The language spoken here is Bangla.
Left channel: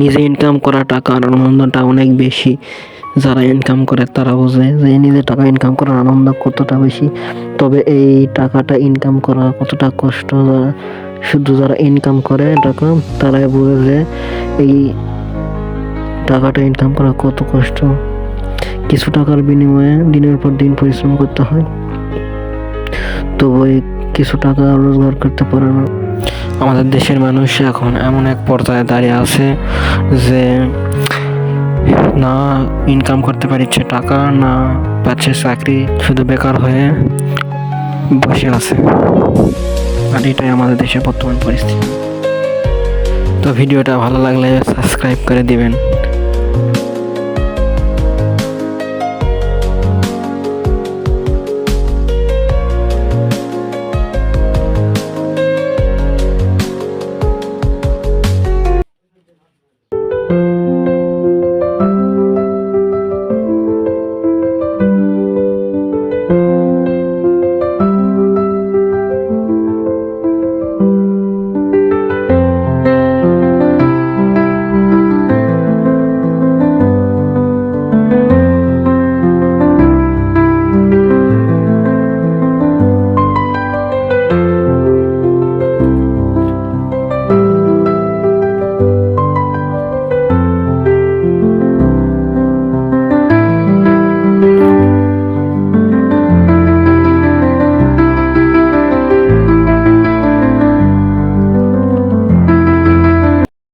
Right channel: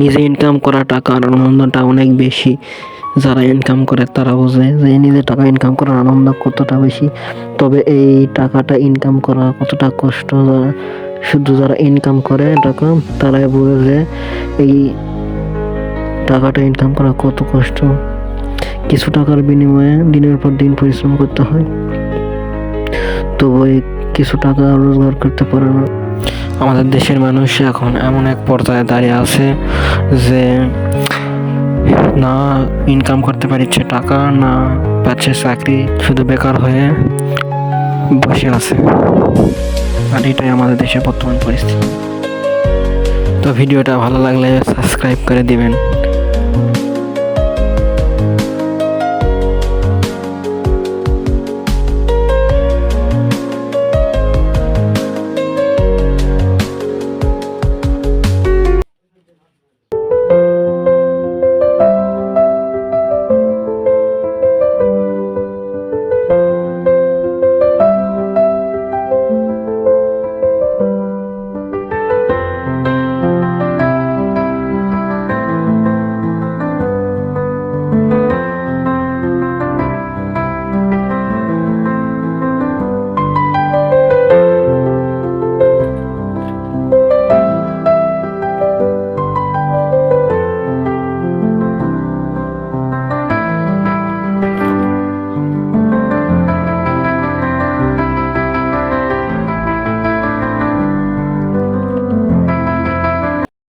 নিজে ইনকাম করা টাকার আনন্দটা অনেক বেশি। যারা ইনকাম করে তারা বোঝে যে নিজে টাকা ইনকাম করার আনন্দ কতটা বেশি। তবে এই টাকাটা ইনকাম করা কতটা কষ্ট, শুধু যারা ইনকাম করে টাকা তারাই বোঝে যে এই টাকাটা ইনকাম করা কত কষ্ট। কিছু টাকার বিনিময়ে দিনের পর দিন পরিশ্রম করতে হয়, তবু এই কিছু টাকা রোজগার করতে পারে না। আমাদের দেশের মানুষ এখন এমন এক পর্যায়ে দাঁড়িয়ে আছে যে না ইনকাম করতে পারছে টাকা, না পাচ্ছে চাকরি, শুধু বেকার হয়ে বসে আছে। আর এটাই আমাদের দেশের বর্তমান পরিস্থিতি। তো ভিডিওটা ভালো লাগলে সাবস্ক্রাইব করে দিবেন।